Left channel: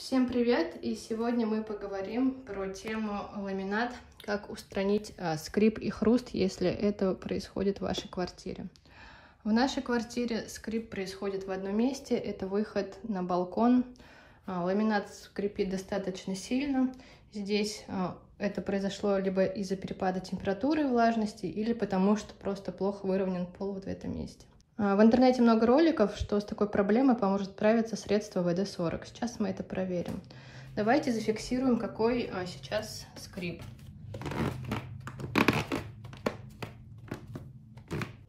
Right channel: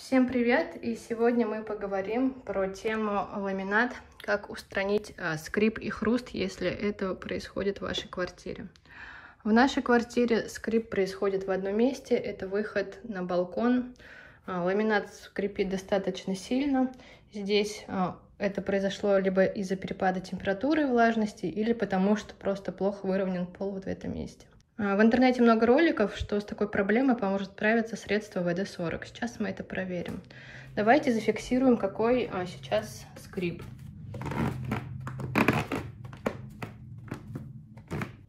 Всем привет! И сегодня мы поговорим про тему ламинат, как устранить скрип и хруст, если это происходит в вашей квартире. В нашей квартире скрип происходит в одном месте, это выход на балкон. Ламинат скрипит достаточно сильно. Здесь это произошло либо из-за перепада температуры и влажности, или потому что просто плохо выровнен пол вот в этом месте. В интернете много роликов, что с такой проблемой поможет справиться средство ВД-40. Сейчас мы это проверим. Давайте зафиксируем, какой сейчас скрип.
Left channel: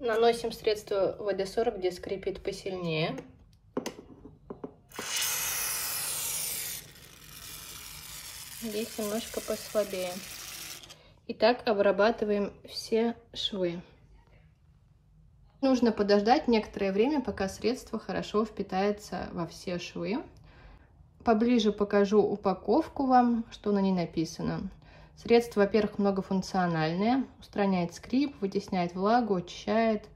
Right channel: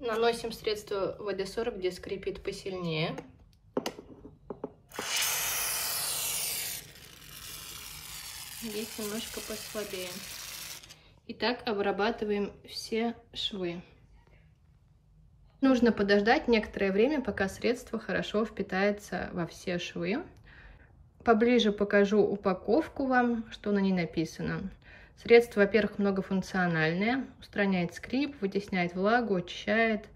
Наносим средство ВД-40, где скрипит посильнее. Здесь немножко послабее. И так обрабатываем все швы. Нужно подождать некоторое время, пока средство хорошо впитается во все швы. Поближе покажу упаковку вам, что на ней написано. Средство, во-первых, многофункциональное, устраняет скрип, вытесняет влагу, очищает,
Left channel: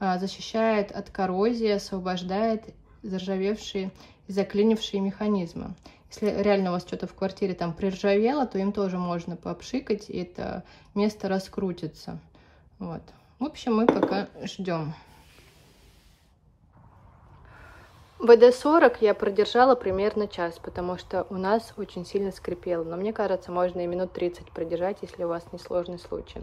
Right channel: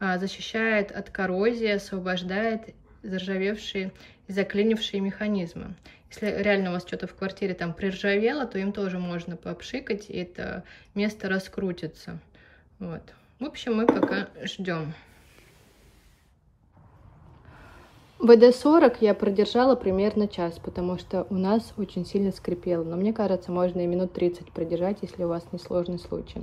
защищает от коррозии, освобождает заржавевшие и заклинившие механизмы. Если реально у вас что-то в квартире там приржавело, то им тоже можно попшикать, и это место раскрутится. Вот. В общем, мы пока ждем. ВД-40 я продержала примерно час, потому что у нас очень сильно скрипело. Но мне кажется, можно и минут 30 продержать, если у вас несложный случай.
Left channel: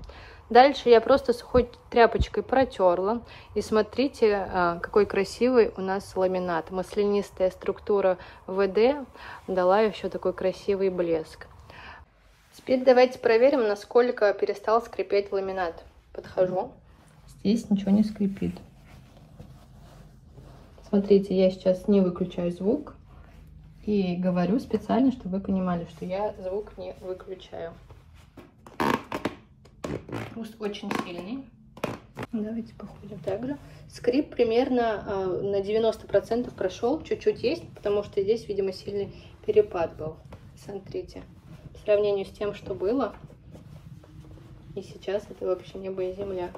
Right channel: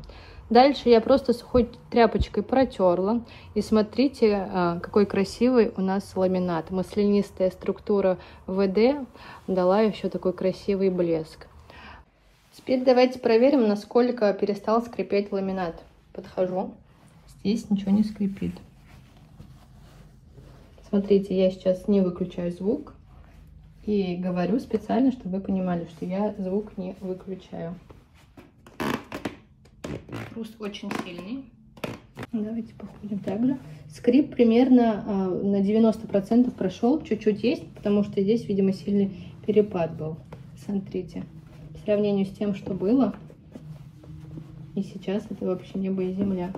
Дальше я просто сухой тряпочкой протерла. И смотрите, какой красивый у нас ламинат. Маслянистая структура ВД дала еще такой красивый блеск. Теперь давайте проверим, насколько перестал скрипеть ламинат. Подхожу. Здесь ничего не скрипит. Смотрите, я сейчас не выключаю звук и говорю специально, чтобы вы понимали, что я звук не выключаю. Хруст очень сильный. Давайте попробуем так же. Скрип примерно на 90% прошел, чуть-чуть есть, потому что здесь, видимо, сильный перепад был. Смотрите, по сравнению с тем, что было, и сейчас это вообще небо и земля.